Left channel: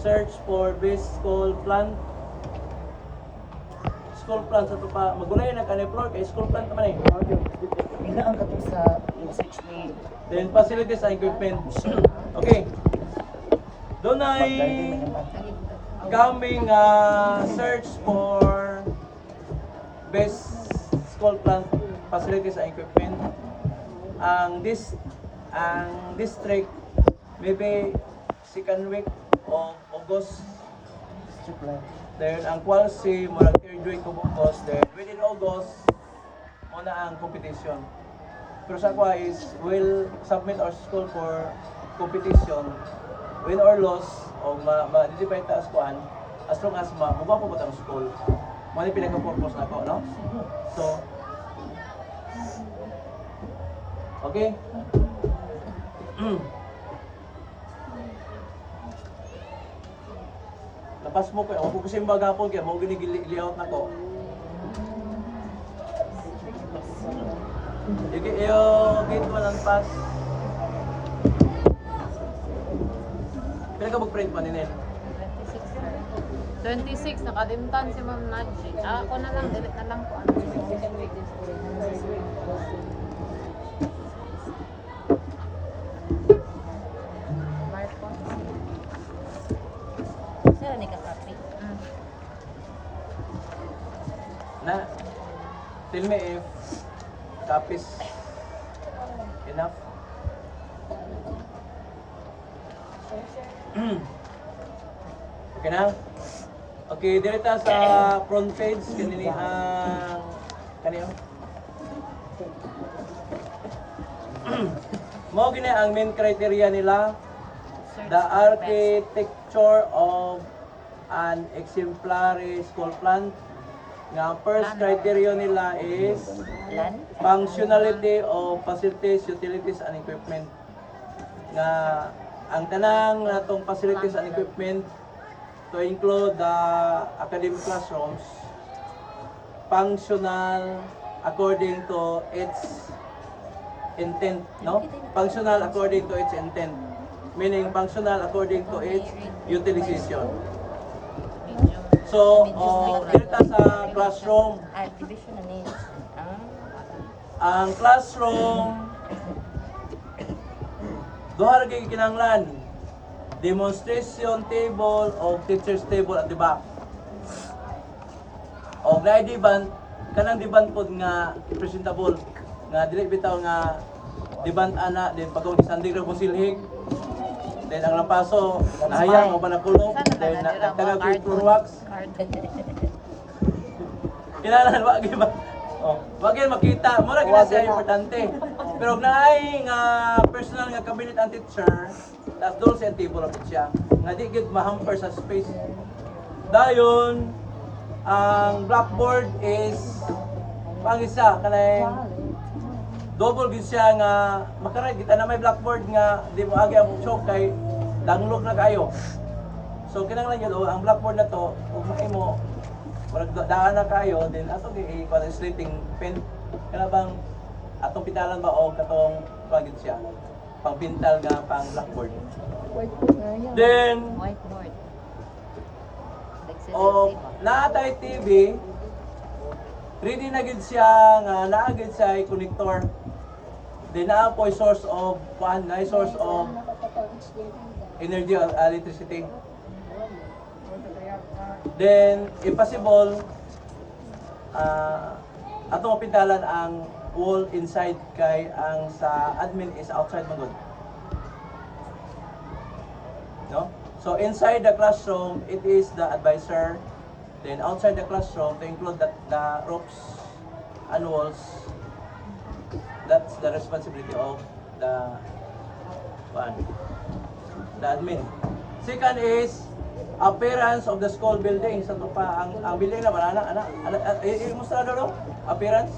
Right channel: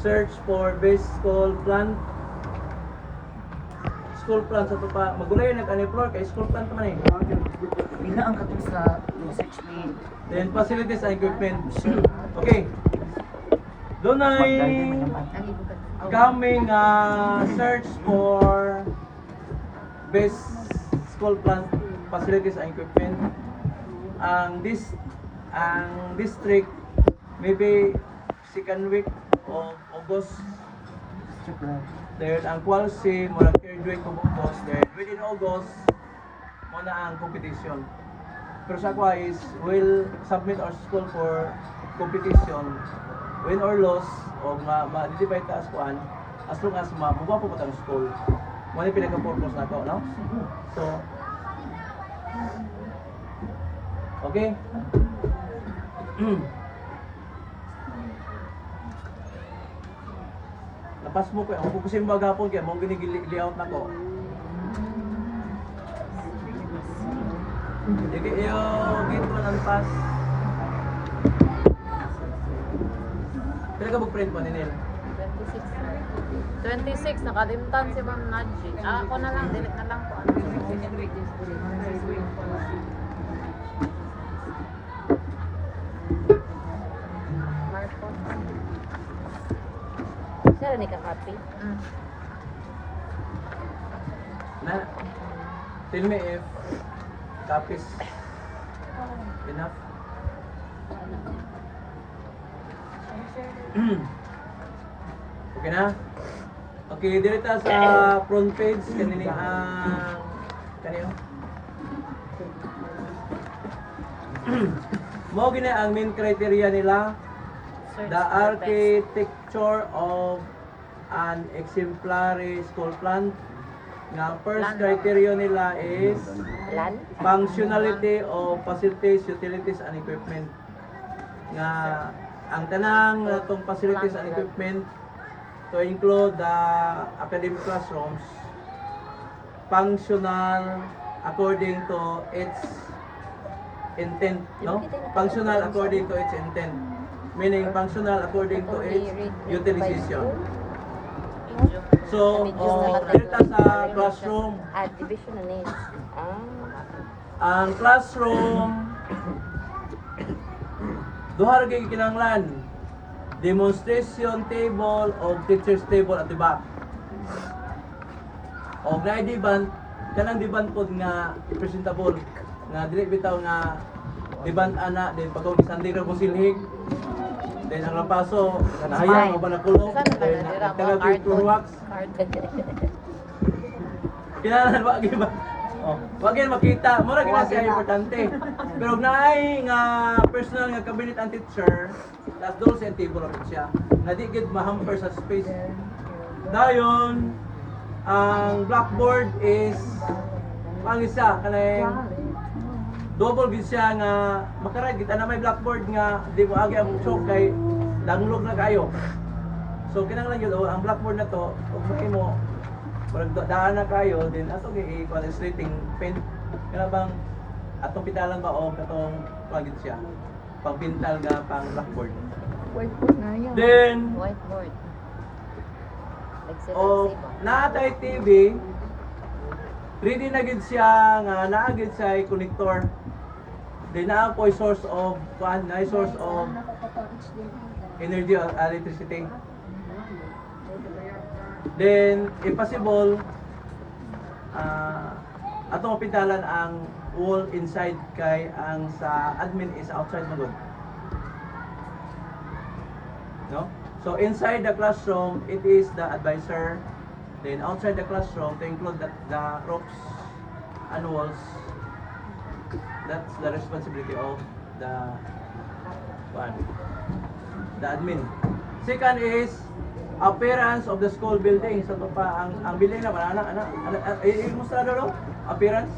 search for best school plant. School plant sa tupa. Magulay nag-ani floor kay school plant naman eh. Ina ang katong sa research ni Then facilities and equipment. Okay. Doon ay coming search for best school plant facilities and equipment. Ang district maybe second week of August. Then ang quality mo lang third week of August. Then within August mo na ang competition. Pero sa ako is will submit our school for competition, win or loss o ma-divide taas kuan as long as mabubuha po ang school. Mo ni pinaka-purpose na ko, no? So okay. Lapas mo ko, ako kasi bagapon kaya mo gini-layout na ko. Sige, gate mo lang pass. Kaya ka mag-print mo, Ninel? 26, nakadimtan si Bernadji. Ako na lang, dinig na lang. Saan ni ka-copy? Na, tell me if copies enough. Okay na? Okay, direta sa front page kanini ang kaniyo. Mo gini ang main criteria nila. The architecture of an exemplary school plant. Nga first criteria nila is functionality of facilities, utilities, and equipment. Nga ang tanang natong facilities and equipment to include the academic classrooms, functional according to its intent, no? Functional according to its intent, meaning functional according to its utilization. So, dito sa classroom, ang classroom, duha ra kay kinahanglan. Demonstration table o teacher's table at the back. O na di-band, kanang di-band pod nga presentable. Nga dili bitaw nga di-band ana, then pagkong isanding ra kung silhig. Then ang lampaso, nahayang o ba nakulog, then nagtagag yung floor wax. Kinahanglan wag ba? Oh, wag yan makita, mura gina siya importante. Pero naay nga personal nga cabinet and teacher, tas doon sa table of siya. Nga di gid ma-hamper sa space. Dayon ang blackboard is pangisa kanay double gid siya nga makaray kita na may blackboard nga di mo agi ang choke kay danglog na kayo. So kinahanglan yun ang blackboard na to ug mahimo murag daan na kayo then ato gi slating pen kana bang atong pitalan ba og katong pagid siya pagpintal nga pang blackboard. Whiteboard na yan. Then Whiteboard. o naatay TV ready na gid siya nga naa gid sa connector. Then naa po source of source of energy or electricity. Then, if possible, atong mapintalan ang wall inside kay ang sa admin is outside magod. No? So, inside the classroom, it is the advisor. Then, outside the classroom, to include the ropes and walls, that's the responsibility of the admin. Second is appearance of the school building sa tupa ang building na ana i-musta daw appearance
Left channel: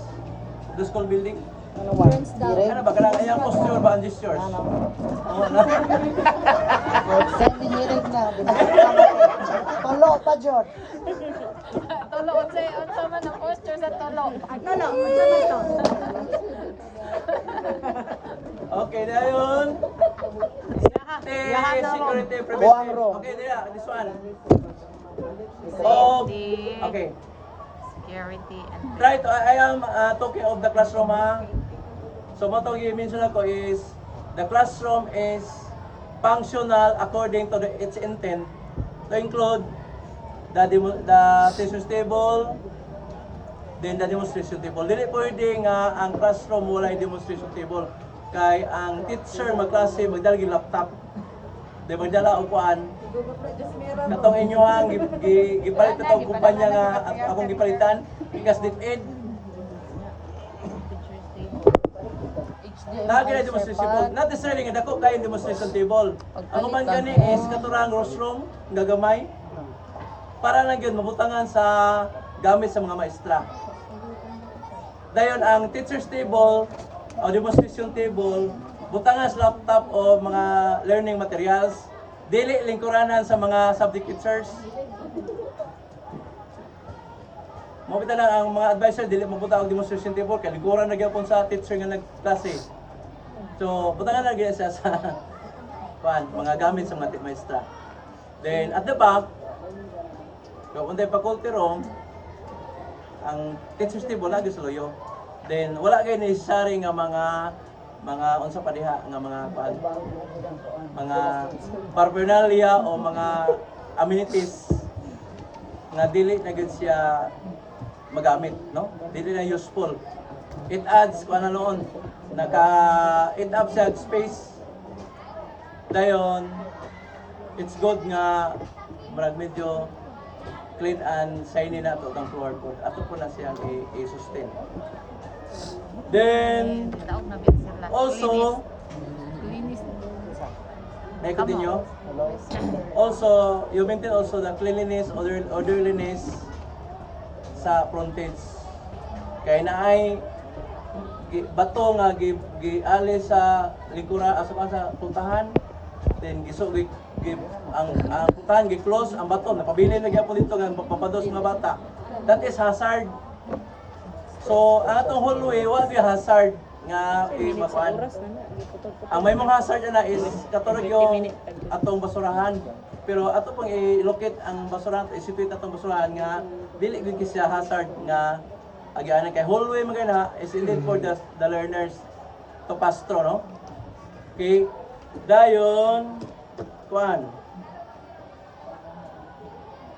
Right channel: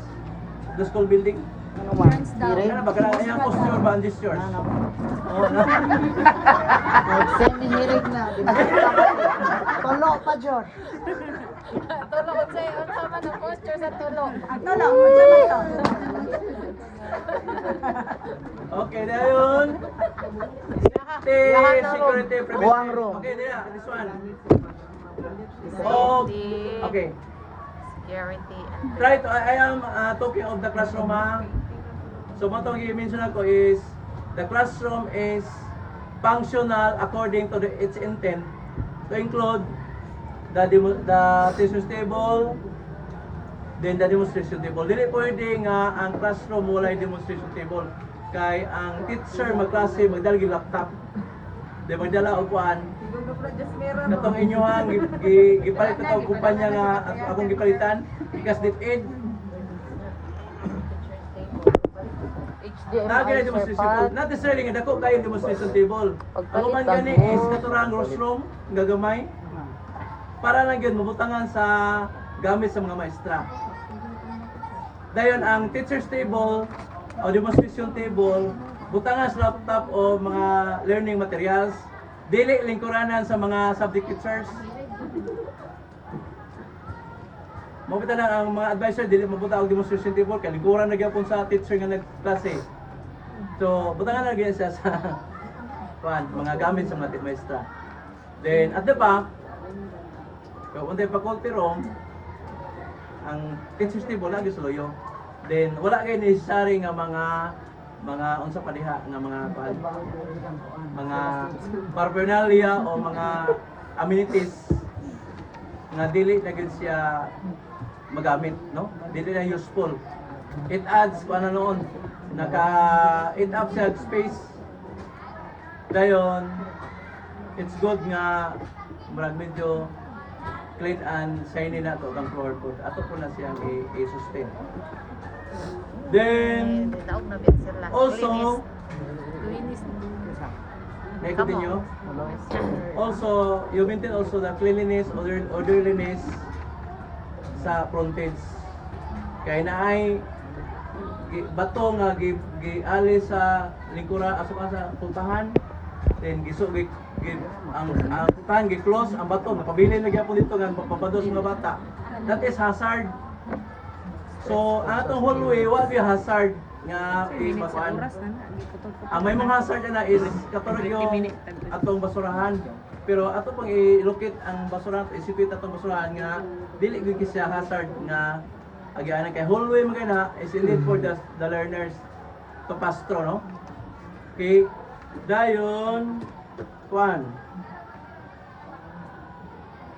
of the school building. ano man? Dire. Ano ba kanang iyang posture ba and gestures? Oh na. Send ni hirig na. Tulo pa jud. Tulo, unsay man ang posture sa tulo. Okay, dayon. safety, security, Buang preventive. room. Okay, there, this one. Oh, okay. Security and Try to, I am talking of the classroom ha. So mo itong i-mention ako is, the classroom is functional according to its intent to include the teacher's table, then the demonstration table. Dili pwede nga ang classroom walay demonstration table. Kay ang teacher magklase magdala og laptop. Di magdala og kuan. Katong inyohang gipalit ko tawag kumpanya nga akong gipalitan because DepEd Lagi na demonstration table. Not necessarily nga dako kayo demonstration table. Ang uman gani is katurang rostrum gagamay para lang yun mabutangan sa gamit sa mga maestra. Dayon ang teacher's table o demonstration table butangan sa laptop o mga learning materials dili lingkuranan sa mga subject teachers. Mabita na ang mga advisor dili mabuta og demonstration table kay lingkuran na gyapon sa teacher nga nagklase. So, butangan na gyud siya sa mga gamit sa mga maestra. Then at the back, kung untay faculty room, ang teacher's table lagi sa loyo. Then wala kay necessary nga mga unsa pa diha nga mga paraphernalia o mga amenities nga dili na gyud siya magamit, no? Dili na useful. It adds kung ano noon, it up siya space. Dayon, it's good nga marag medyo clean and shiny na to ang floor po. Ato po na siyang i-sustain. Then, also, may continue. Also, you maintain also the cleanliness, orderliness sa frontage. Kaya na ay bato nga giali sa lingkura asa sa puntahan. Then ang puntahan gi-close ang bato napabili na gyapon dito nga papados mga bata. That is hazard. So, ang atong hallway wa bi hazard nga makuan. Ang may mga hazard na is katulad yung atong basurahan. Pero ato pang i-locate ang basurahan, isipit atong basurahan nga dili gyud siya hazard nga agianan kay hallway magana is indeed for the learners to pass through, no? Okay. Dayon kuan.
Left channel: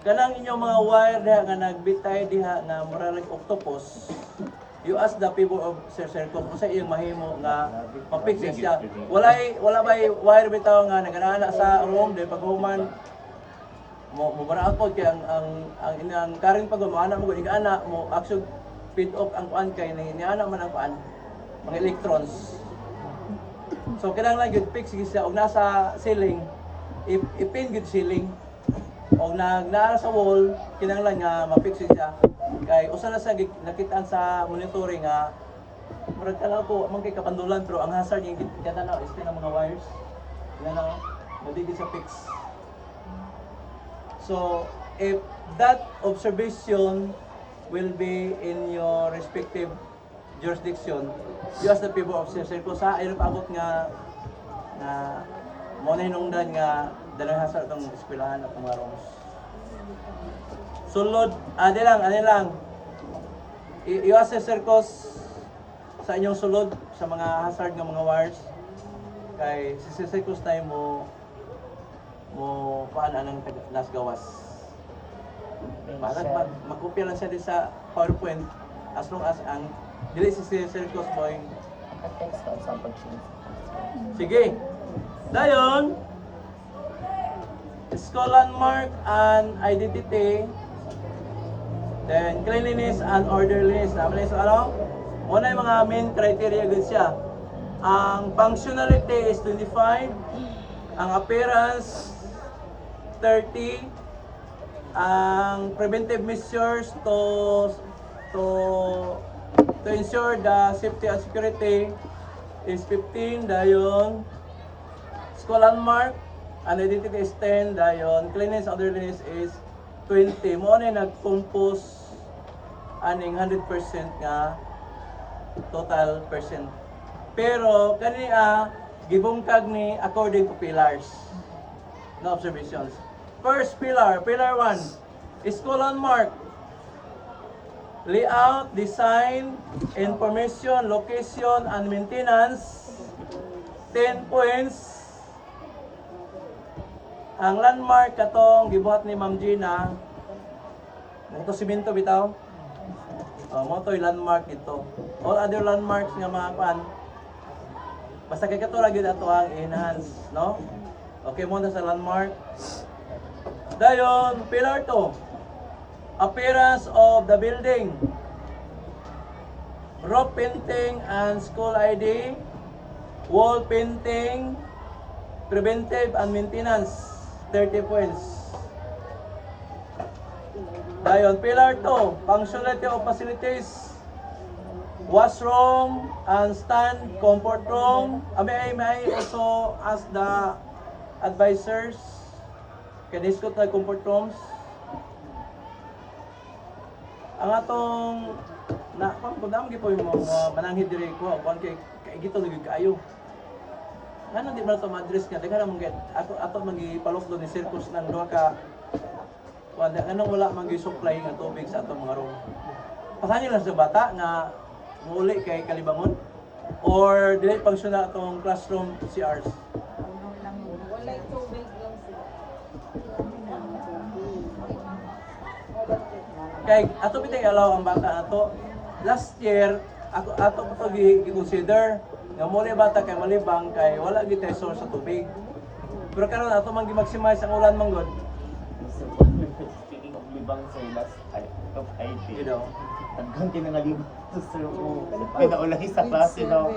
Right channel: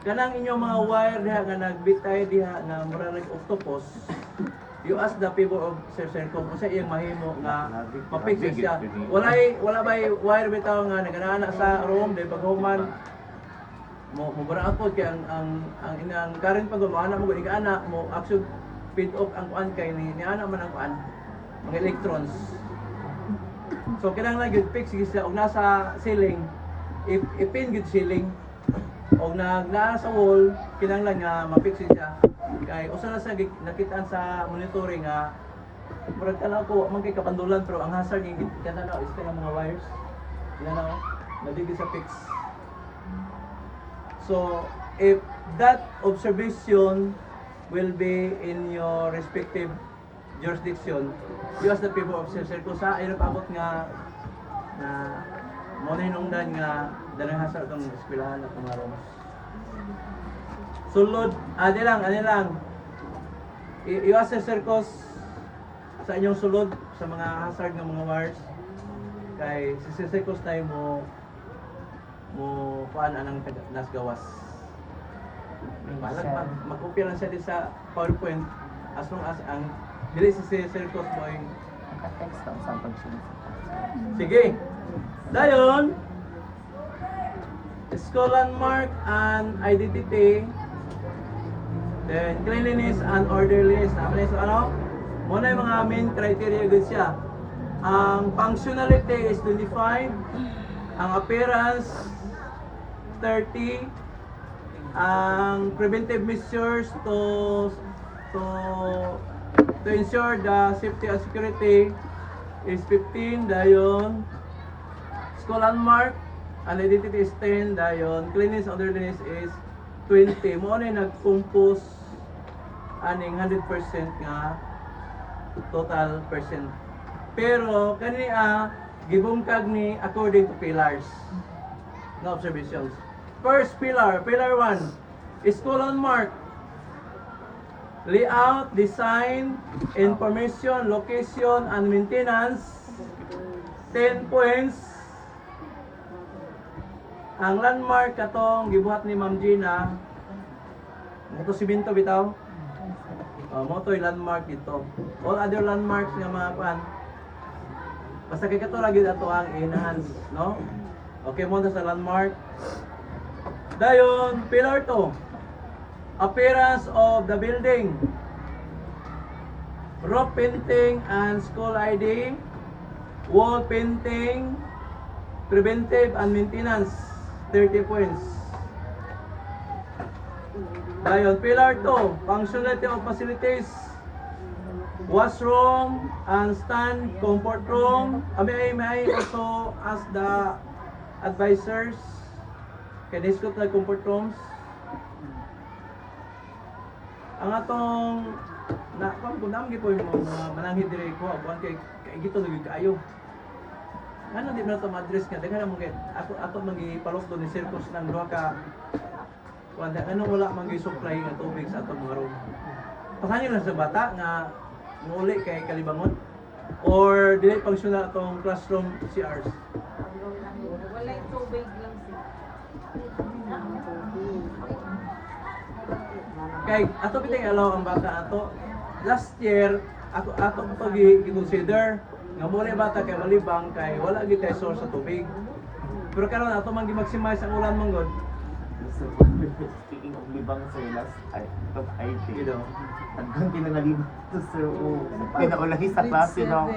Kanang inyong mga wire diha nga nagbitay diha nga mura like octopus. You ask the people of Sir kung sa iyang mahimo nga mapix siya. Wala bay wire bitaw nga naganana sa room de paghuman mo bara ako kay ang current pag mo ana mo gud ana mo actually feed off ang kuan kay ni ana man ang kuan mga electrons. So kinahanglan gyud fix siya og nasa ceiling ipin gyud ceiling og naa sa wall kinahanglan nga ma-fix siya. Kay usa na sa nakitaan sa monitoring nga murag kana ko man kay kapandulan pero ang hazard yung katanaw is kanang mga wires. Yan o, nadigid sa fix. So if that observation will be in your respective jurisdiction, you ask the people of Sir Circle sa ay abot nga na mo na hinungdan nga dalang hazard itong eskwelahan at mga rooms. Sulod, ade lang. I-assess circles sa inyong sulod sa mga hazard ng mga wires. Kay si circles tayo mo paan anang nas gawas. Balag magkopya lang siya din sa PowerPoint as long as ang dili si circles mo yung Naka-text ka sa pag-share. sige. Dayon, school landmark and identity. Then cleanliness and orderliness. Tama na yung ano? Muna yung mga main criteria good siya. Ang functionality is 25. Ang appearance 30. Ang preventive measures to ensure the safety and security is 15. Dayon school landmark and identity is 10. Dayon cleanliness and orderliness is 20. Mo na nag-compose aning 100% nga total percent. Pero kani gibungkag ni according to pillars na observations. First pillar, pillar 1, school landmark. Layout, design, information, location, and maintenance. 10 points. Ang landmark katong gibuhat ni Ma'am Gina. Ito simento bitaw. Mo to yung landmark dito. All other landmarks nga mga pan. Basta kay kato lagi ato ang enhance, no? Okay mo na sa landmark. Dayon, pillar 2. Appearance of the building. Roof painting and school ID. Wall painting. Preventive and maintenance. 30 points. Dayon, pillar 2. Functionality of facilities. Washroom and stand, comfort room. May I also ask the advisors, can discuss na comfort rooms? Ang atong na kung naman po yung mga mananghid dire ko, kuan kay gito lagi kaayo. Ano di man to ma-address nga daghan mo gid ato magipalok do ni circus ng duha ka kuan anong wala man gyud supply nga tubig sa atong mga room. Pasangin lang sa bata nga muli kay kalibangon or dili functional atong classroom CRs. Wala yung tubig lang sila. Kay ato bitay allow ang bata ato. Last year ato to gi-consider nga mo bata kay malibang kay wala gid tay source sa tubig. Pero karon ato man gi-maximize ang ulan manggod. Speaking of libang sir, last top IT. You know. Hanggang kinangalibang to sir. Pinaulahi sa klase daw.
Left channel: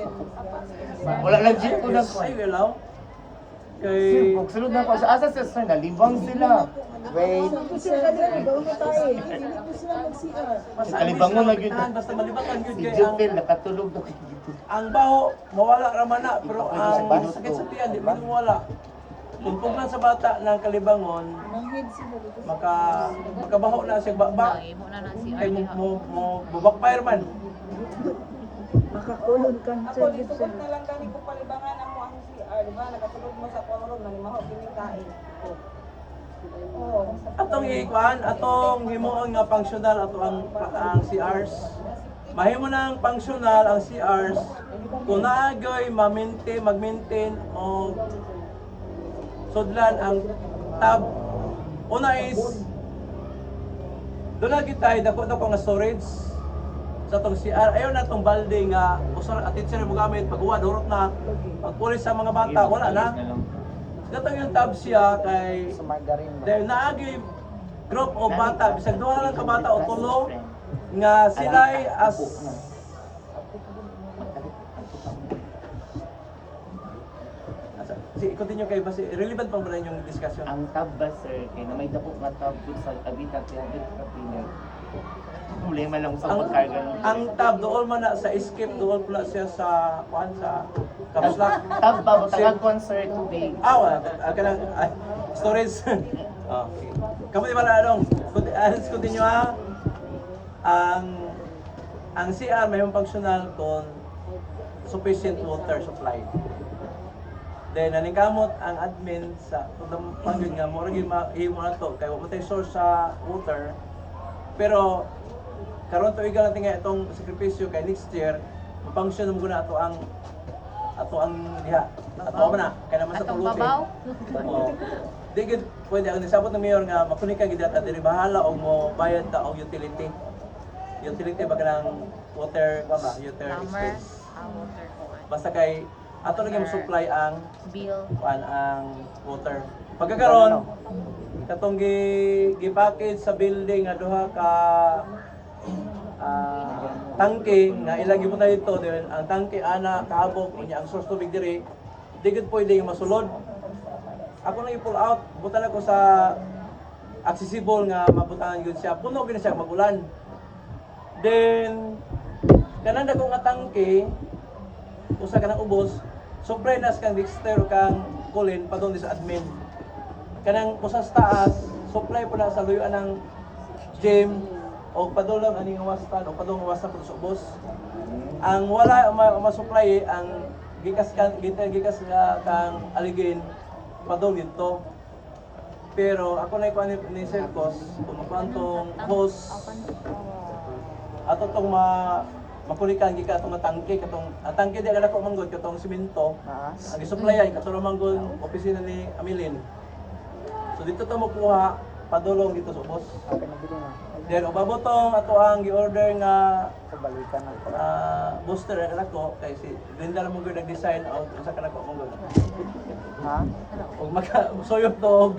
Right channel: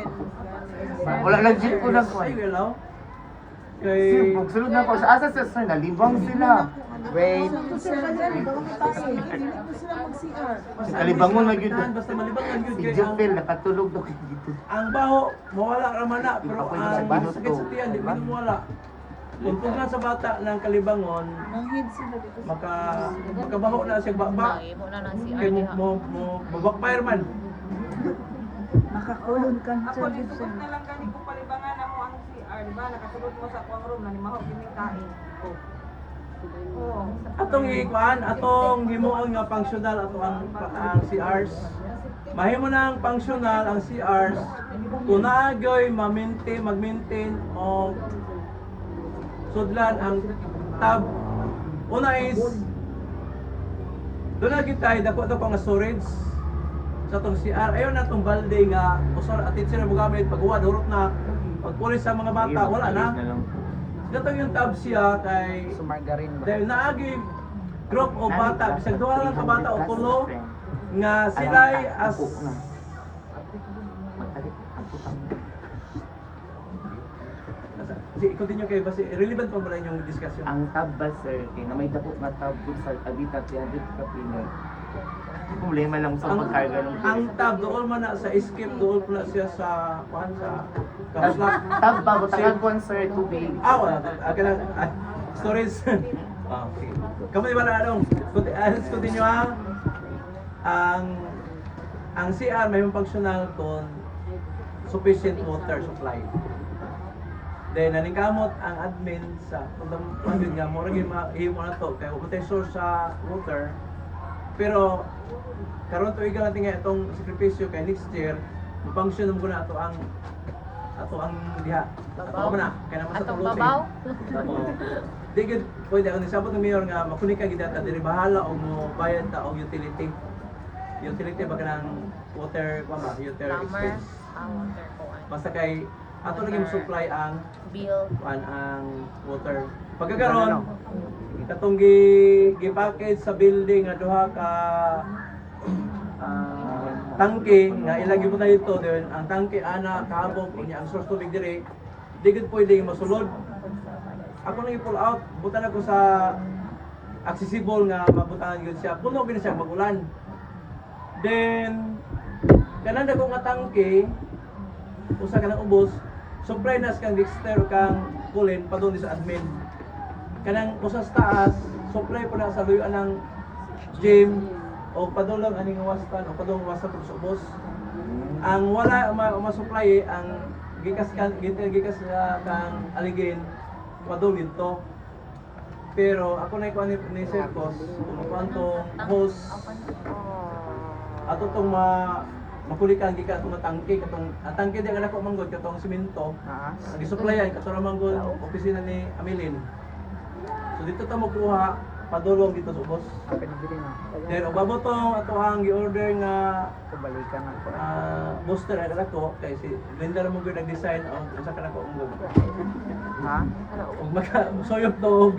Wala lang jeep ko na ko. Ay allow. Sir, Kay pagsunod na ko sa asa sir, nalibang sila. Wait. Kalibangon na gyud. basta malibangan gyud Si kay ang Jupil nakatulog daw dito. ang baho mawala ra man na pero ang sakit sa tiyan di man mawala. Kung pugnan sa bata ng kalibangon, makabaho na siya baba. Kay mo backfire man. Ako dito ko na lang gani ko palibangan mo ang CR, di ba? Nakatulog mo sa room na limahaw kining kain. Oh. Atong ikuan, atong himuon nga functional ato ang CRs. Mahimo na ang functional ang CRs kung naagoy mag-maintain o sudlan ang tab. Una is doon na kita dako nga storage sa tong CR. Ayaw na tong balde nga usar attention mo gamit pag-uwan hurot na pagpulis sa mga bata wala na. Gatong yung tab siya kay Sa margarine ba? dahil naagi group o bata bisag duha lang ka bata o tulo nga sila as si continue kay basi relevant pa ba na inyong discussion. Ang tab ba sir, kaya na may dako nga tab dun sa Avita 300 kapino. Problema lang sa pagkarga ng Ang tab dool man na sa escape dool pala siya sa kuan sa kapslak. tab ba butagan ko sir tubig. Wala kanang storage. Okay. Kamu di ba na anong let's continue ha. Ang CR may functional kon sufficient water supply. Then naningkamot ang admin sa pangyud nga mo rin mahimo na to kay wala source sa water. Pero karon to igal natin nga itong sakripisyo kay next year function mo na ato ang diha. Ato man na kay naman sa tulutin. Oo. Di gid pwede ang nisabot ng mayor nga makunik ka gid ata diri bahala og mo bayad ta og utility. Utility ba kanang water expense. Basta kay ato lagi mo supply ang ang water. Pagkakaroon katong gi-package sa building nga duha ka tangke nga ilang gibot na dito din ang tangke ana kaabot unya ang source tubig diri di gid pwede masulod. Ako nang i-pull out butan ako sa accessible nga mabutangan gyud siya puno gid siya magulan. Then kanang dako nga tangke usa ka nang ubos supply nas kang Dexter kang Colin padung sa admin. Kanang usas taas supply po na sa luyuan ng gym o padulong aning wastan o padulong wastan po sa ubos. Ang wala ma-supply ang gikas kang aligin padulid to. Pero ako na ikuan ni Circus, kung tong hose ato tong makulikan gika atong tangke katong ang tangke di ako manggod katong semento. Ang isuplayan katong manggod opisina ni Amilin. So dito ta mo kuha padulong dito sa ubos. Okay na bilhin na. Then ubabot tong ato ang gi-order nga Balikan na ko. booster ang ako kay si Glenda ra mo gyud nag-design og usa ka nako manggod. Ha? Og makasuyop tog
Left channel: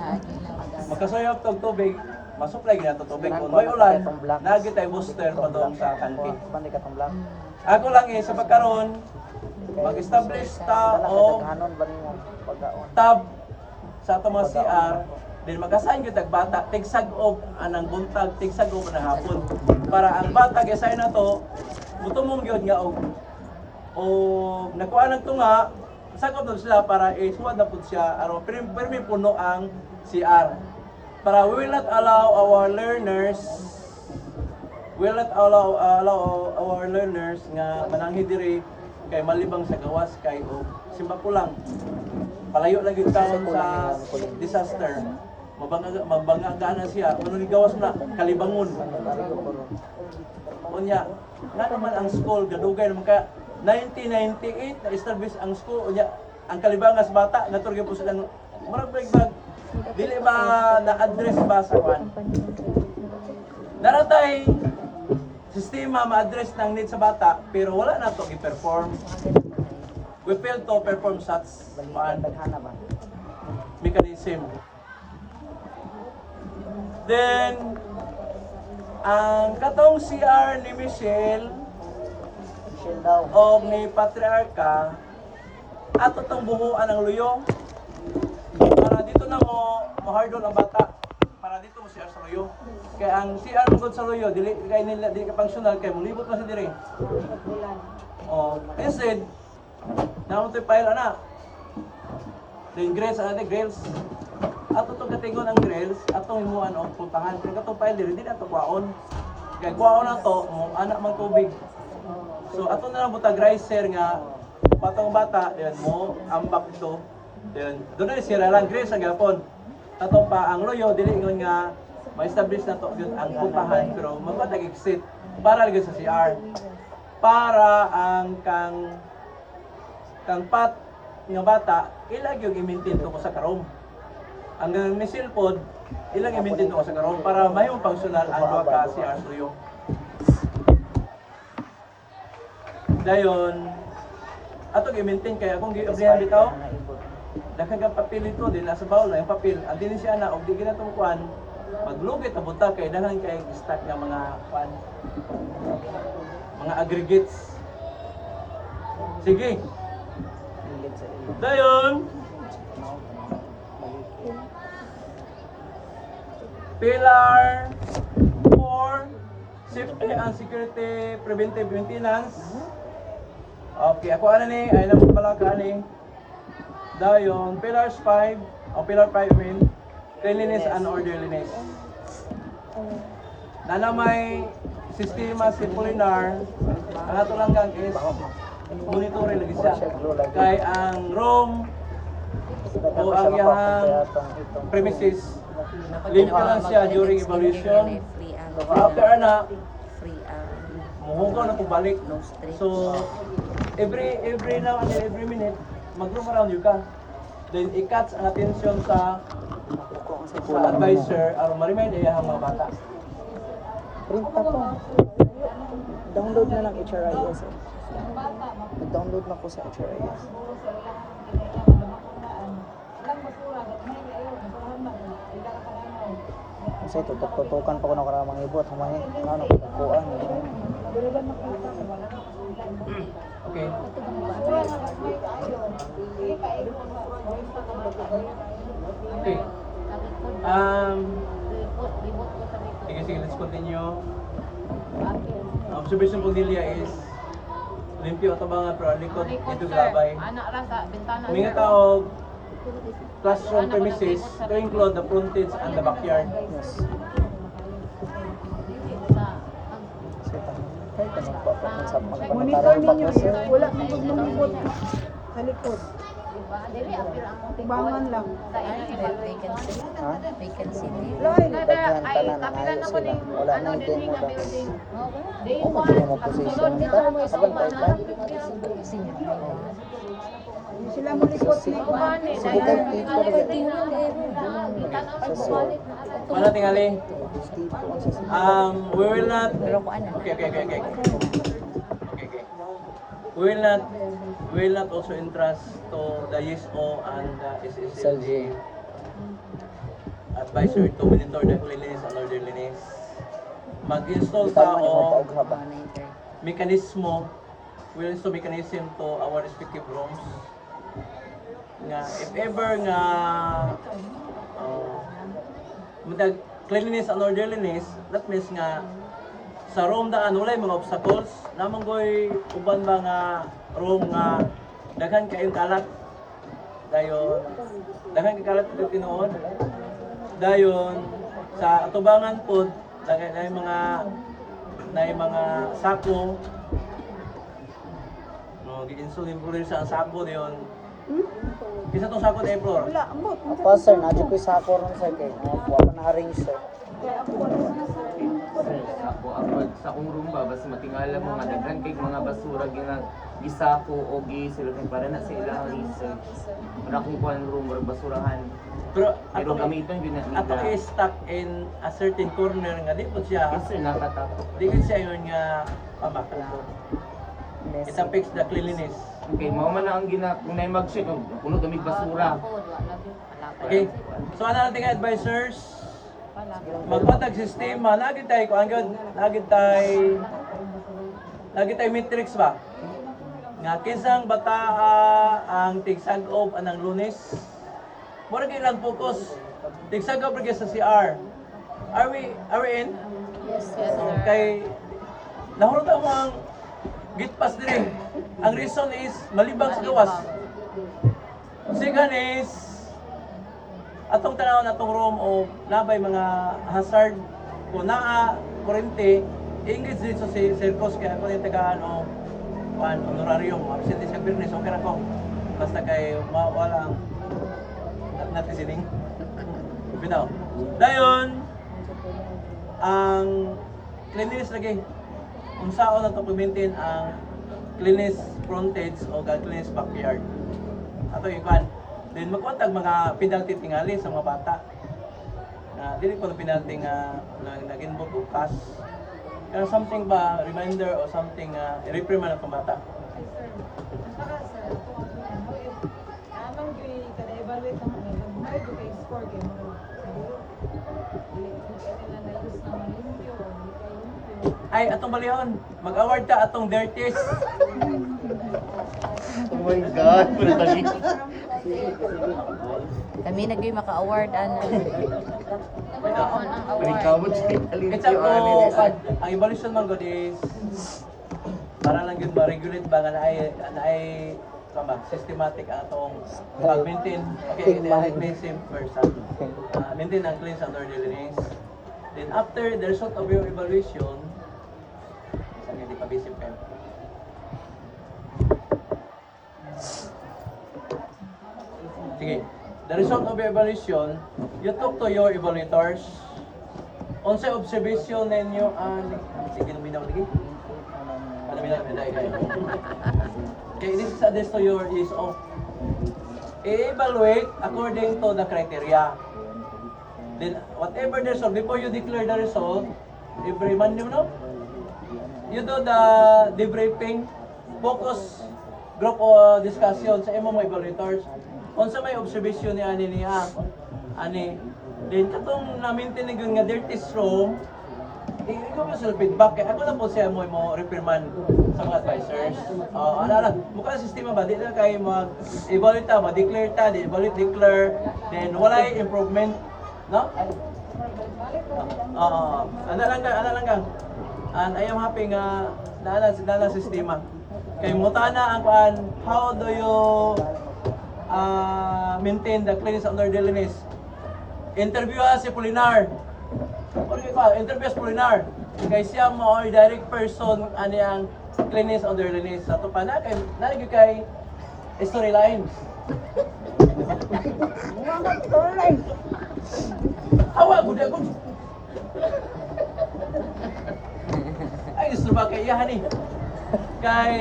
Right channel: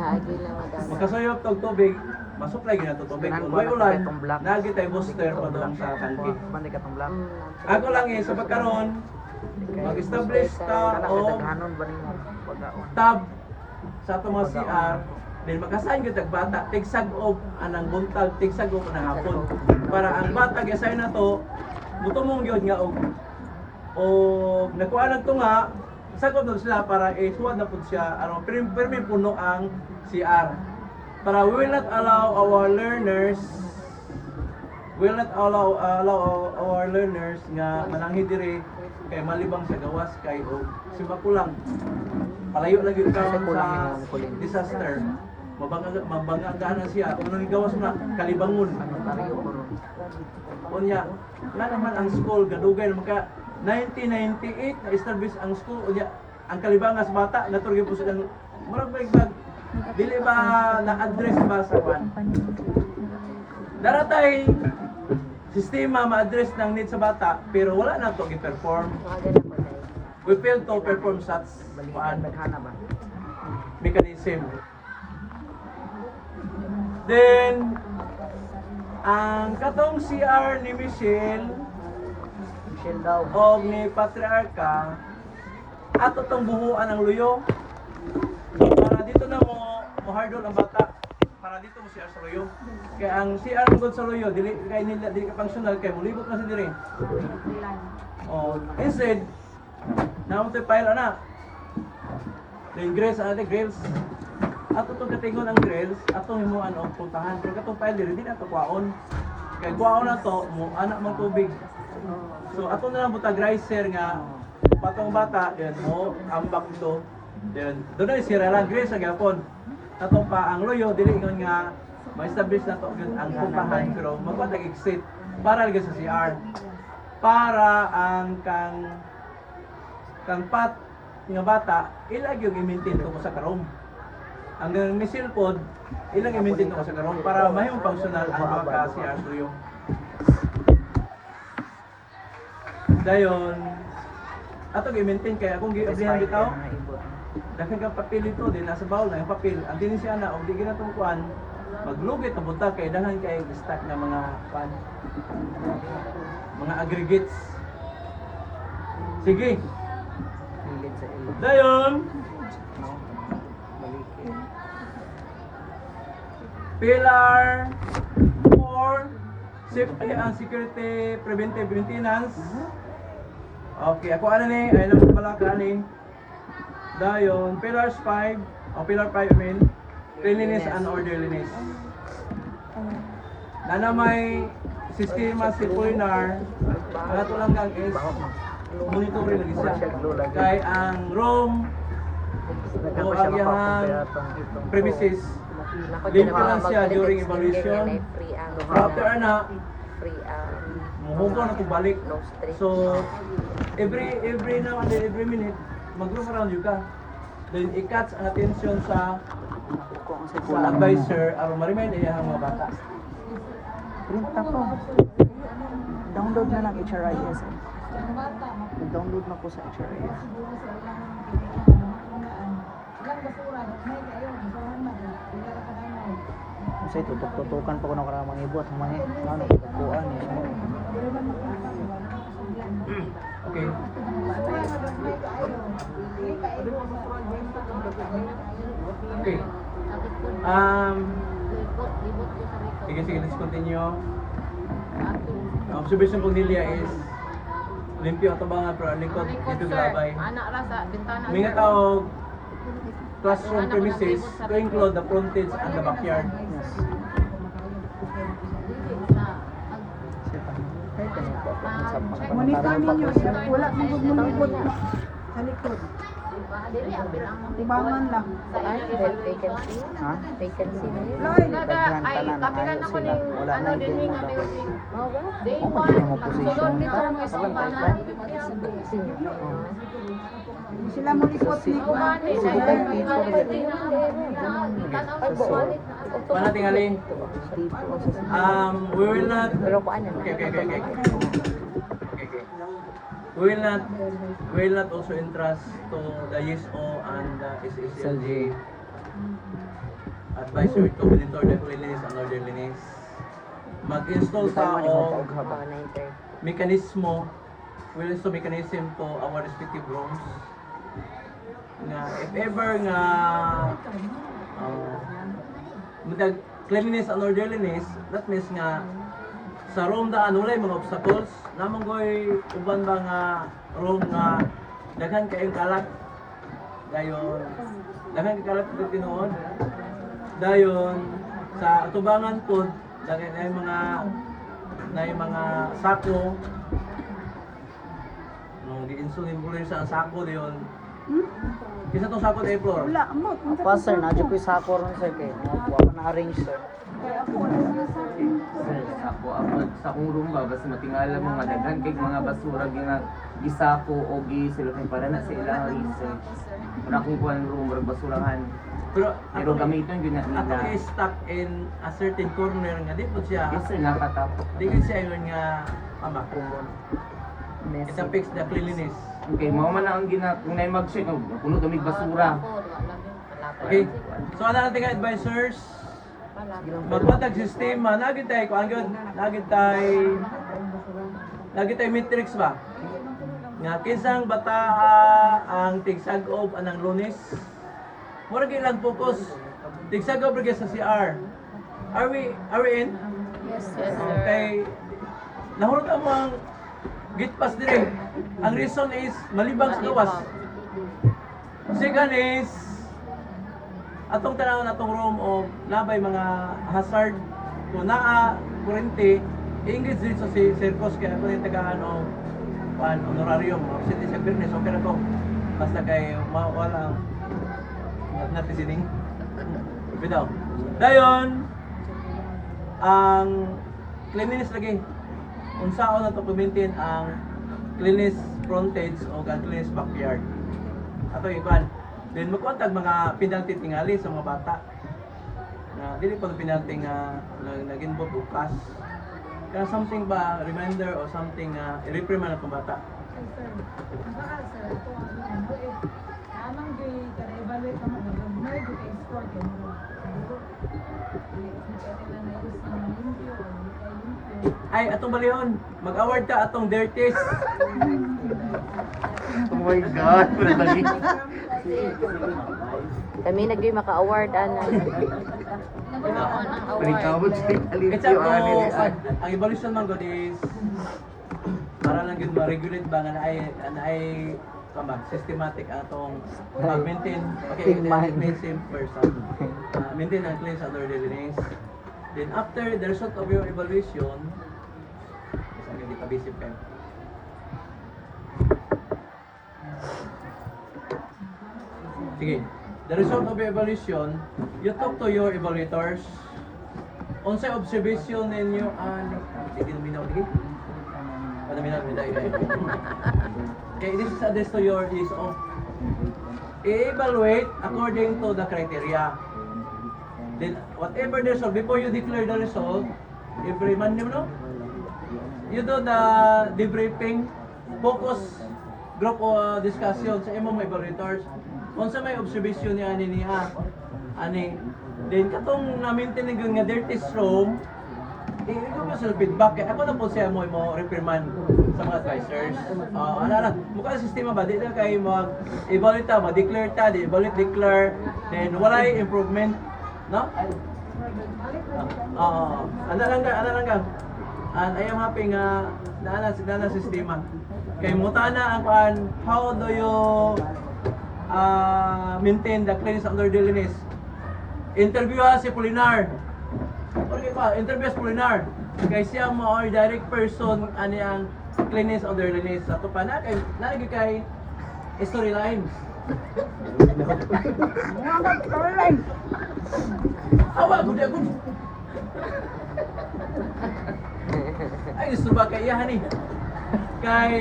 Naagi lang mag makasuyop tog tubig masupply gyud nato tubig Ganang kung ko may na ulan itong black. nagi tay booster pa doon sa tangke. Bandi ka tong black. Ako lang sa pagkaron mag-establish ta og Daghanon ba nimo pagkaon? tab sa ato mga CR then mag-assign gyud tag bata tigsag-op anang buntag tigsag-op anang hapon para ang bata gi-assign nato mutumong gyud nga og nakuha nagto nga sagop na sila para isuwad na pud siya aron permi puno ang CR para we will not allow our learners our learners nga mananghi diri kay malibang sa gawas kay og simba kulang palayo lang yung karon sa disaster mabangagana siya ano ni gawas na kalibangon Sanitario ko ron. unya nga naman ang school gadugay naman ka 1998 na establish ang school unya ang kalibangas bata naturgay po silang murag bag dili ba na address ba sa kwan daratay sistema ma-address ng need sa bata pero wala na to i-perform we fail to perform such Balikan daghana ba? mechanism. Then, ang katong CR ni Michelle Shell daw. o ni Patriarca, ato tong buhuan ng luyo. Para dito na mo hardol ang bata. Para dito mo CR sa luyo. Kaya ang CR mo sa luyo, dili kay nila dili ka functional kay mulibot na sa diri. Oh, instead, naman tayo pile na. Then grills, grills. Ato itong katingon ang grills, atong himuan o puntahan. Kaya katong pile diri, di na ito kwaon. Kaya kwaon na to, mo anak mang tubig. So ato na lang butag riser nga, patong bata, then mo, ambak ito. Then, doon na sira lang, grills ang gapon. Ato pa, ang loyo, dili ingon nga, ma-establish na to yun ang puntahan, pero magpatag exit para lagi sa CR. Para ang kang pat nga bata ilag yung i-maintain ko sa karom. Ang missile pod ilang i-maintain ko sa karom para mahimong functional ang mga ka CR suyo. Dayon ato i-maintain kaya akong gi-ablihan bitaw. Daghang kang papel ito din nasa bawl na yung papel. Ang din siya na og di gina tong kuan maglugit ta bunta kay daghan kay stock na mga kuan mga aggregates. Sige. Hilid sa ilog. Dayon, Balikin. Pillar 4, Safety and Security Preventive Maintenance. Okay, ako ano ni, ay lang pala ka ni. Dayon, Pillars 5, o Pillar 5 I mean, Cleanliness and Orderliness. Na may sistema circular, ang ato lang gang is monitoring lagi siya. Kay ang room o ang iyang premises, limit lang siya during evaluation. After na, muhugaw na pabalik. So, every now and then, every minute, mag-room around you ka. Then, i-catch ang attention sa advisor aron ma-remind iyang mga bata. Print na po. Download na lang HRIS. Download na ko sa HRIS. Kasi tutukan pa ko na karamang ibot. Humahe. Ano ko pagkuhan eh. Okay. Okay. Sige, let's continue. Ang observation po nila is limpyo ito mga pero ang likod dito glabay. Anak ra sa bintana. Mga tao classroom premises to include the frontage and the backyard. Yes. Sa Setan. Ay, magpanotaryo pa ko, sir. Wala sa likod. Sa likod. Tibangan lang. Vacancy. Ha? Vacancy. Daghan tanan ang ayos sila. Wala na yung demo daw. O, mag-demo position ta. Kabantay ta. Oh. Sila mo likod Si ni Kuan. Bukay Tito na ba? Sa sur. Paano tingali? Tito ang sa We will not. Okay. We will not also entrust to the YESO and the SSLG advisory to monitor the cleanliness and orderliness. Mag-install Tama ni sa haba. mekanismo, will install mechanism to our respective rooms nga if ever nga mudag cleanliness and orderliness, that means nga sa room daan wala mga obstacles namang goy uban ba nga room nga daghan kayong kalat dayon kalat dito tinuod dayon sa atubangan pod daghan na mga sako no gi-insulin ko rin sa sako dayon kisa tong sako day floor Wala, amot. Apa sir, nadyo ko sako ron sir kay mo pa na-arrange sir. Kaya ako wala na sa Sir, ako sa akong room ba basta matingala mo madaghan kay mga basura gisako o gisilupin para na sa ilang research. Para kung kuan room or basurahan. pero Pero gamiton yun na ato is stuck in a certain corner nga di po siya Yes sir, nakatapos. di gid siya yun nga Messy. it affects the cleanliness. Okay, mao man na ang kung na mag-shit, puno damig basura. Okay. So ano natin nga advisors? Magpatag sistema, nagit tayo kung anggad, nagit tayo matrix ba? Nga kinsang bata ang tigsag-ob anang Lunes. Mura ilang focus. Tigsag-ob rin sa CR. Are we in? Kay nahurot mo ang gate pass dire. Ang reason is malibang sa gawas. Second is atong tanaw na atong room o nabay mga hazard kung naa kurente English dito si Circus kaya ako yung tagaan o honorarium absent sa business okay na ko basta kay mawala natin sining bitaw dayon ang cleanliness lagi unsaon na to maintain ang cleanliness frontage o cleanliness backyard ato yung kan. Then magkontag mga penalty tingali sa mga bata. Na dili ko penalty nga nag-involve bukas. Kaya something ba reminder or something reprimand ang bata. Amang evaluate ang may score kay mo. Ay atong balihon, mag-award ta atong dirtiest. Oh my God, wala tali. Kami nagay maka-award Panikabot siya kalit It's up yung to ang evaluation man god is para lang yun ma-regulate ba nga naay ba systematic ang atong pag-maintain. Okay, maintain person. Maintain ang cleanliness and orderliness. Then after the result of your evaluation, hindi pa bisip kayo. Sige. The result of your evaluation, you talk to your evaluators. Unsay observation ninyo sige luminaw lagi. Luminaw dai. Okay, this is addressed to your is of evaluate according to the criteria. Then whatever the result before you declare the result, every man you do the debriefing, focus group discussion sa imong mga evaluators. Unsa may observation ni ani then katong na-maintain nga dirty room ikaw mo sa feedback kaya ako na po siya mo reprimand sa mga advisors mukha na sistema ba di na kayo mag-evaluate ta ma-declare ta declare then wala improvement no? Ana lang kang and I am happy nga na sistema kay mutana ang how do you maintain the cleanliness and orderliness. Interview si Polinar. Interview si Polinar. Kay siya mo or direct person ani ang cleanliness on the release sa to pa na kay storyline. Awa gud ako. Ay gusto ba kay iya ni? Kay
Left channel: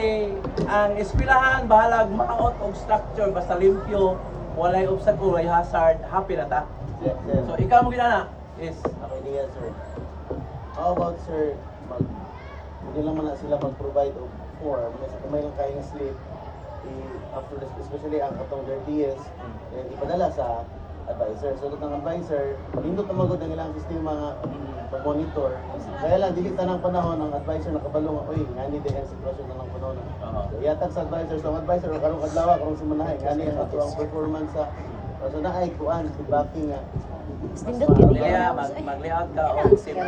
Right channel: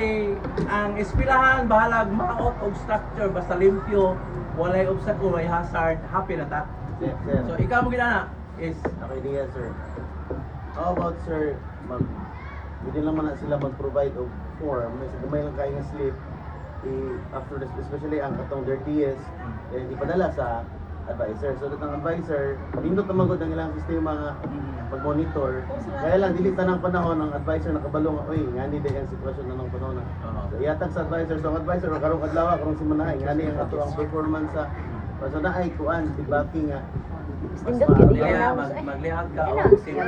ang eskwelahan bahalag maot og structure basta limpyo, walay obstacle, walay hazard, happy na ta. Yes, sir. So ikaw mo ginana is Okay, diya, sir. How about, sir, hindi lang man na sila mag-provide of form, may gamay lang kayo ng slip, after this, especially ang atong dirtiest, ipadala sa advisor. So, that ang advisor, nindot na magod ang ilang sistema nga pag-monitor. Kaya lang, dili tanang panahon ang advisor nakabalong ako nga ni ang sitwasyon na ng panahon. So, iatag sa advisor. So, ang advisor, karong adlaw, karong simunahay, nga ni ang atong performance sa so na ay kuan, feedbacking nga. Lilia, mag-layout ka o simple.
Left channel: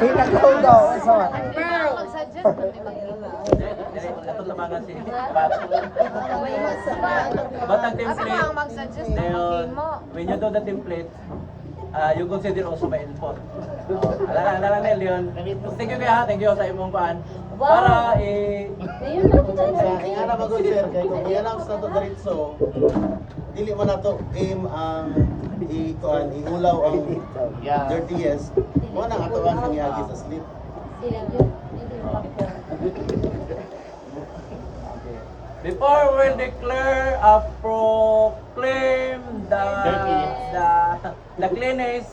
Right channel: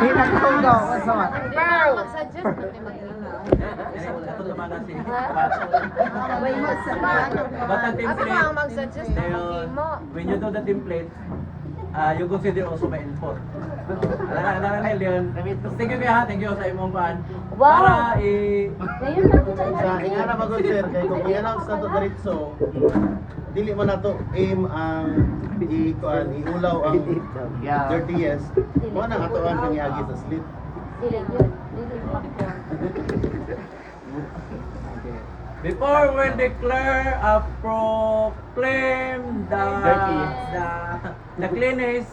Pinakahugaw. Sama. Ato tabangan si Pat. Batang template. Then, when you do the template, you consider also my input. Alala na Leon. Thank you kaya, thank you sa imong paan. Para Sa ingana magod, sir, kay kung i-announce na to diretso, dili man nato aim ang igulaw ang dirtiest. Mo nang atuan sa niagi sa slip. before we declare proclaim the cleanest,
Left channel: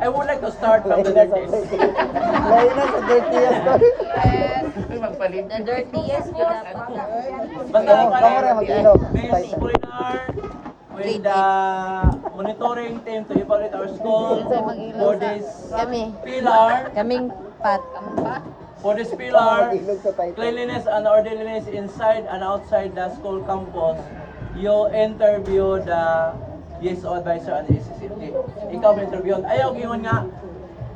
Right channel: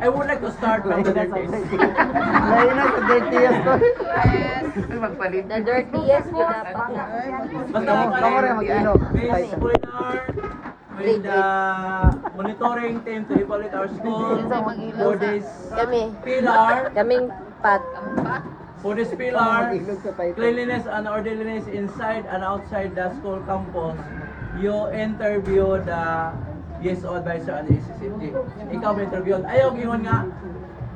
I would like to start from the dirtiest. Lain na sa dirtiest ko. Magpalit. The dirtiest po. Basta Kamu rin mag-ilog. Miss Kulinar, with the monitoring team to evaluate our school for this Kami. pillar, Kaming pat. for this pillar, Mag-ilog sa title. cleanliness and orderliness inside and outside the school campus, you interview the BSO advisor and the SCCFD. Ikaw may interview. Ayaw, gingon nga,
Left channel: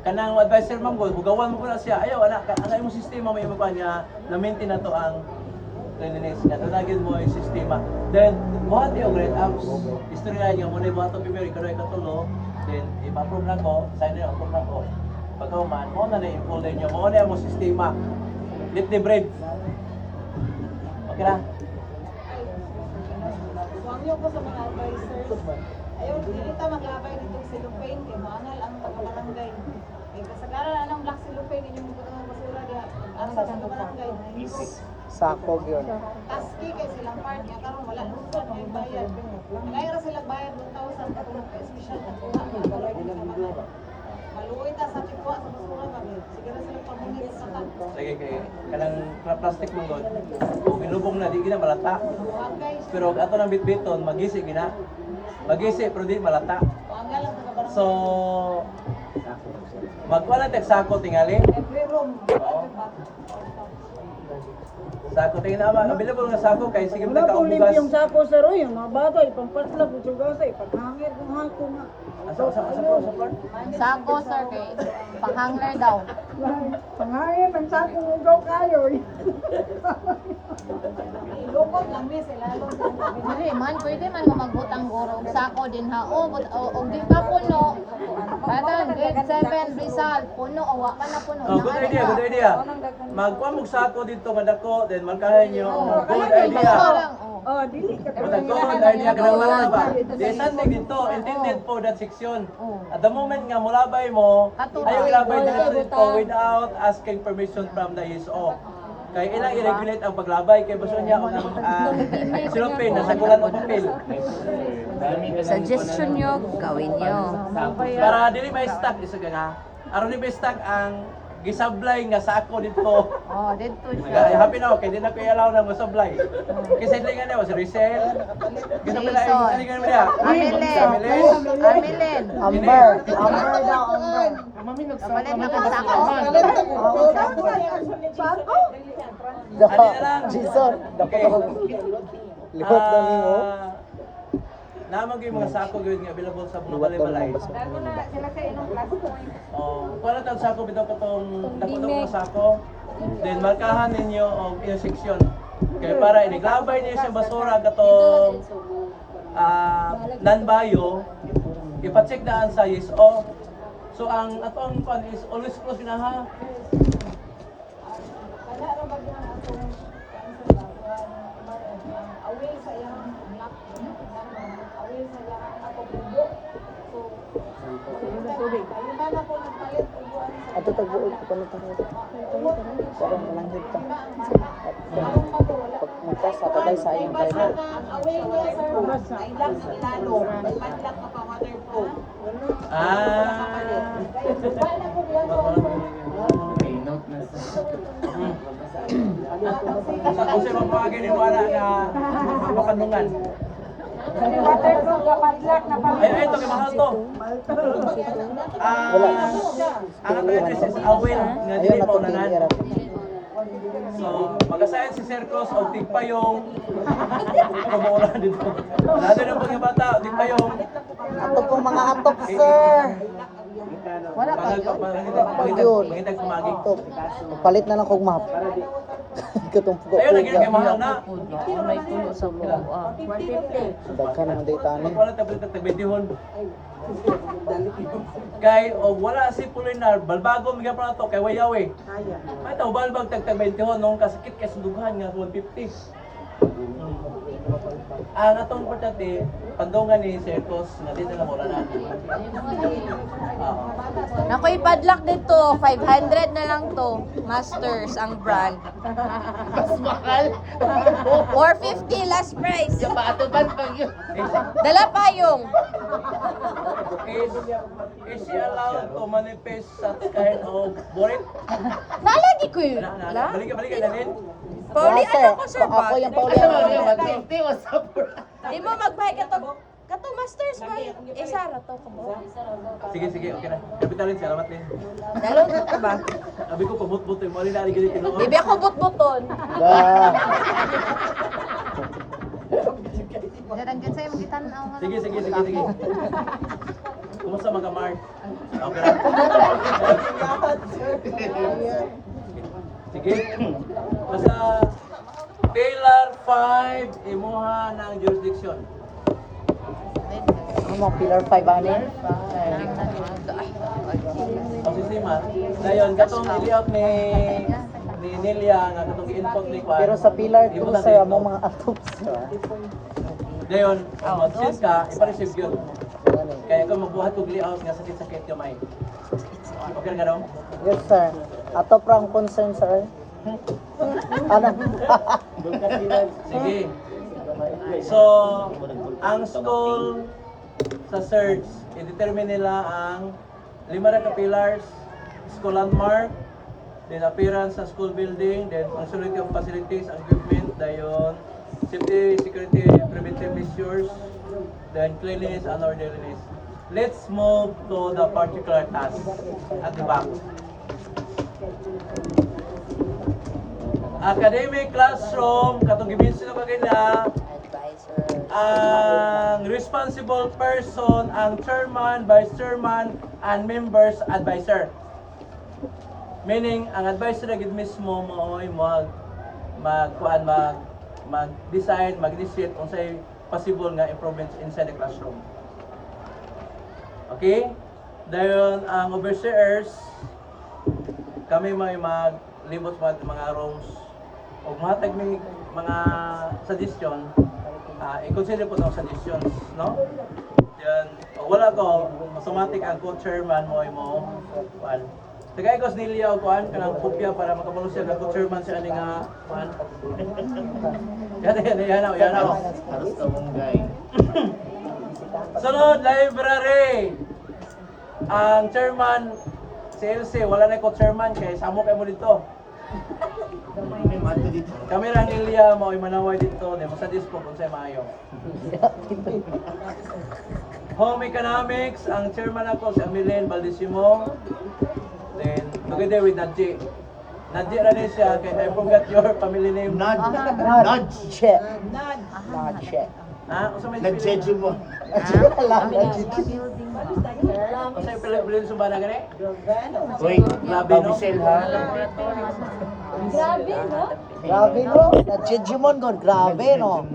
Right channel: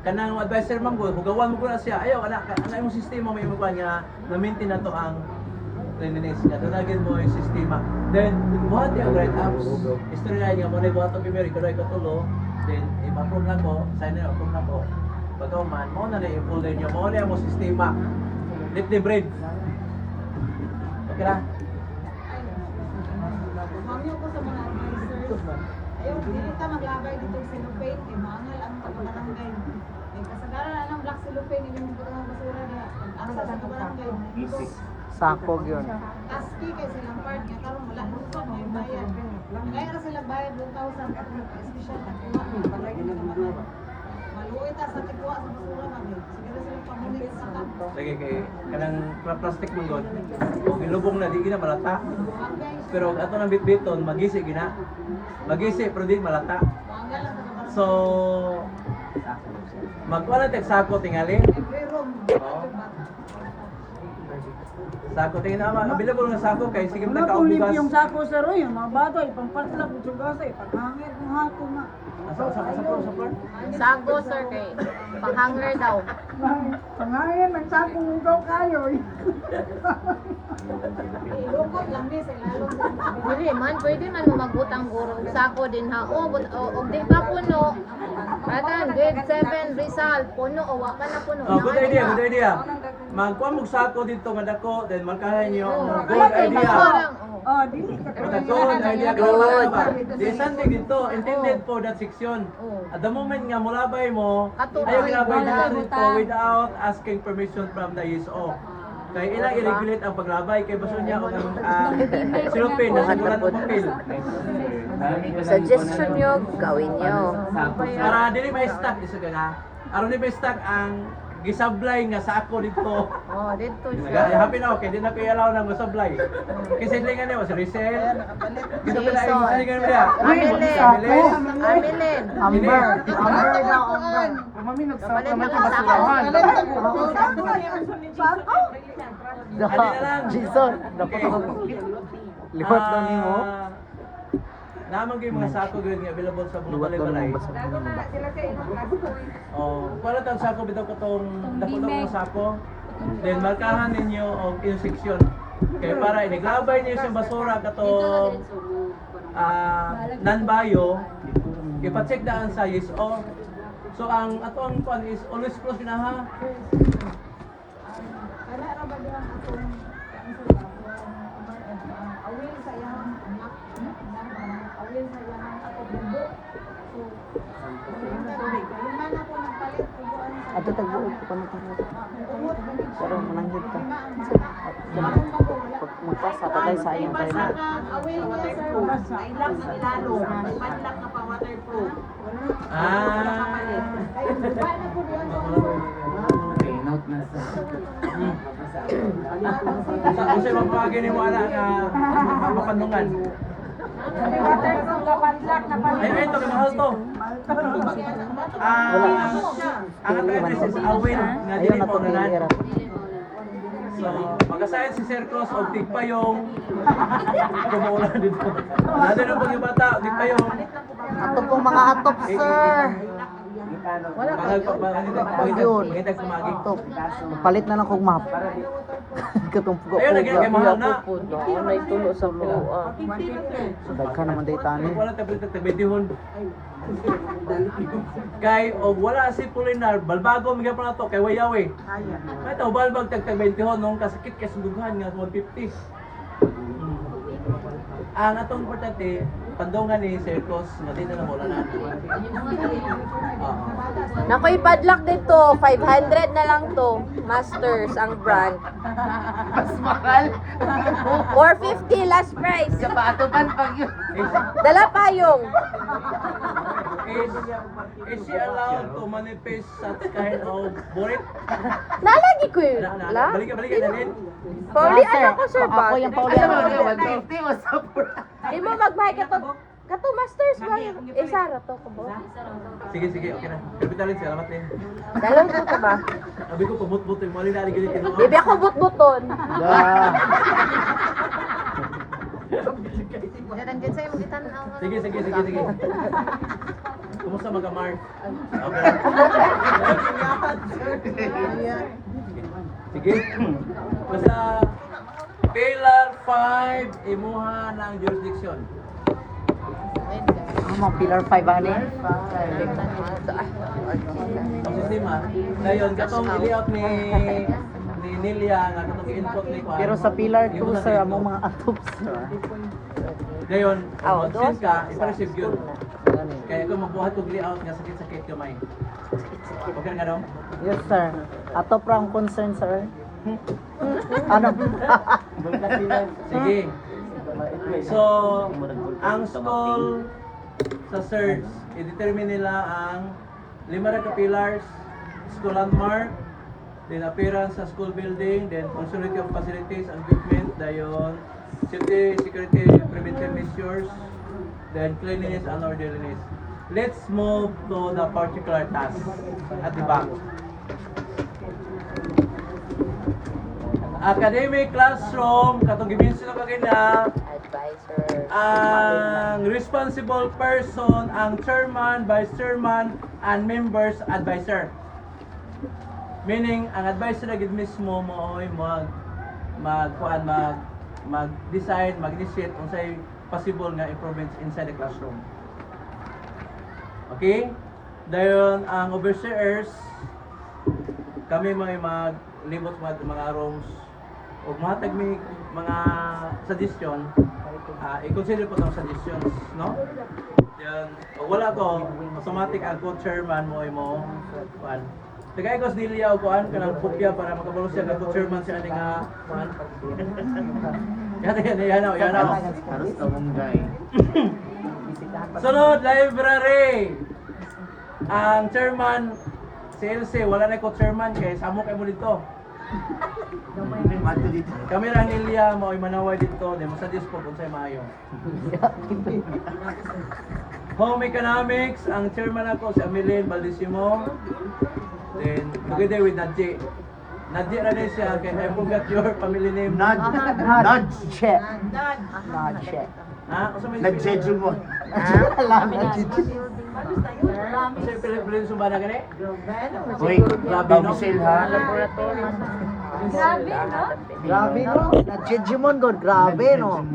kanang advisor man ko, hugawan mo ko na siya. Ayaw, anak, ang imong sistema may imukuan nga, na-maintain na to ang cleanliness nga. Tunagin mo yung sistema. Then, buhat yung grade ups. History na nyo, muna buhat ang primary, ikaw ikatulo. Then, i-approve na ko, sign na approve na ko. Pagkauman, mo na yung folder nyo, mo na yung sistema. Let the bread. Okay na? Wangyo ko sa mga advisors. Ayaw, dili ta maglabay dito sa cellophane kay maangal ang pagbarangay. Kay kasagaran anang black cellophane inyong mga basura dia. Asa sa barangay. Easy. Sakog yun. Taski kay silang part nga karon wala nung may bayad. Kaya ra sila bayad 2,000 kung special na kuha. Maluwi ta sa tikwa sa basura ba. Sige ra sila pamunit sa kanto. Sige kay kanang plastic man god. Kung ilubong na di gina malata. Wangay, Pero ato nang bitbiton magisi gina. Magisi pero di malata. wangay lang taga barangay. So magkuha na tag sako tingali. Every room. Sako tingin na available nga sako kay sige Wala man po limpyo kaubugas. yung sako sa roy, yung mga bagay, pampasla po yung gasa, ipaghangit ng hako nga. Asa pro. Sago sir kay panghanger daw. Pangangin, ang sako mo daw kayo. Ilukot lang ni sa lalong sa Dili man pwede man mo magutang guro sako din ha. Og di ka puno. Batan grade 7 result puno o wa ka na puno. Oh, good idea. Magkuha mo sako dito nga dako then markahan niyo. Good idea. Oh, dili ka But a good idea ka ng malaki ba? Di something dito, intended for that section. At the moment nga mulabay mo, ayaw ilabay dito without asking permission from the ISO. Kaya ilang i-regulate ang paglabay kay baso niya o ang silupin na sagulan o papel. Suggestion nyo, gawin nyo. Para dili may stock isa ka nga. Aron ni may stock ang gisablay nga sako dito. Oh, dito Ya, siya. happy na ako, kaya di na ko i-allow na masablay. Kasi silingan niya, si Rizal. Kita pala ay silingan mo niya. Camilin. Amilin. Amber. Amber daw, Amber. Mami, nagsama naman yung basurahan. Daka, Adi na lang. Jason. Dako Okay. ako. Liwat daw ni mo. Naman ko yung mga sako gawin nga available sa mga Liwat daw balay-balay. ng basura. Dago na sila kay ilang last point. Oh, wala tang sako bitaw katong dako ng mga sako. Then markahan ninyo og yung section. Kay para iniglabay niyo sa basura katong non-bio, ipa-check daan sa ISO. So ang atong pan is always close na ha. Kana ra ba diyan atong awil sa iyang map, awil sa iyang kapatid. So, lima na po nagpalit og buwan sa Ato tagbuot ko kami tagbuot. Pero mananghid ka. Pag magpasa patay sa iyong tayo na. awil niya sir, ay lang sa lalo, padlak ka pa waterproof. Paano po diyan Okay, note na sa... Kasi mapapagin ni mo ana nga mapapandungan. Waterproof ka padlock na Ay, ito, kay mahal to. Ang ato address is Awil, nga Ayun dili na pa itong unanan. tinira. So, magasayan si Sercos o tigpayong. Ako maula dito. Nado na pag yung bata, tigpayong. Ato pong mga atop, sir. Pangitag sumagi. Atop. Palit na lang kong map. Katong Ayun, lagi na kay puga. mahal na. May tulo sa Daghan naman day tani. Wala tayo tag-20 Kay og wala si Pulinar, balbago mga pa na to kay Wayaw eh. May tao balbag tag-20 nung kasakit kay sundughan nga 150. Ang atong importante, pandungan ni Sercos nga dito na mula na. Nakoy padlock dito, 500 na lang to. Masters ang brand. Mas mahal! 450 last price. Kapatupan pag yun. Dala payong. Is she allowed to manifest such kind of borit? Nalagi ko yun. Balik ka dalhin. Pauli, Sir, ano ko sir ba? ako yung pauli. Ano ba? 150 was up for... Imo magbayad ka to. Kato masters ba? Sara to ko. Sige, okay na. Kapitalin, salamat din. Dalon ko to ba? Sabi ko, pabut-but yung mali na aligid yung kinuha. Ibi ako but-buton. Da. Sige. Kumusta mga Mark? Okay lang. Sige. Basta Pillar 5, imuha ng jurisdiction. Ano mga pillar 5 ani? Ang sistema, dayon katong i-layout ni Nelia nga katong i-input ni Kwan. Pero sa pillar 2 ibutan sir, dito. among mga atop sir. Dayon, mag-send ka, ipa-receive yun. Kaya kung magbuhat kong layout nga sakit-sakit kamay. Okay na nga dong? Yes sir. Atop ra ang concern sir. Ano? Sige. So, ang school sa search, i-determine nila ang 5 na ka-pillars, school landmark, then appearance sa school building, then functionality of facilities and equipment, dayon safety, security, preventive measures, then cleanliness and orderliness. Let's move to the particular task at the back. Academic classroom, katong gibinsin na kagina, ang responsible person, ang chairman, vice chairman, and members advisor. Meaning, ang advisor na gid mismo mo ay mag-decide, mag-initiate unsay possible nga improvements inside the classroom. Okay? Dayon ang overseers, kami maglibot mga rooms o mahatag may mga suggestion, i-consider po itong suggestions, no? Yan, wala ko, automatic ang co-chairman mo ay mo, kuan. Tagay ko Nelia o kuan, kanang kopya para makabalo siya nga co-chairman siya nga, kuan. Yan. Halos ka mong guy. Sunod, library. Ang chairman, si LC, wala na co-chairman, kaya samo kayo mo dito. May mato dito. Kami ra Nelia mo manaway dito, di masadis po kung sa'yo maayo. Home economics, ang chairman ako si Amilene Baldisimo. Then together with Nadji. Nadji ra din siya, kaya I forgot your family name. Nudge. Nudge. Ha? Usa may Nag-jeju mo. Nudge. Usa Pilipin sumba na gani? Uy, Grabe, no? Michelle ha? Grabe, no? Grabe no. Nudge God. Grabe no.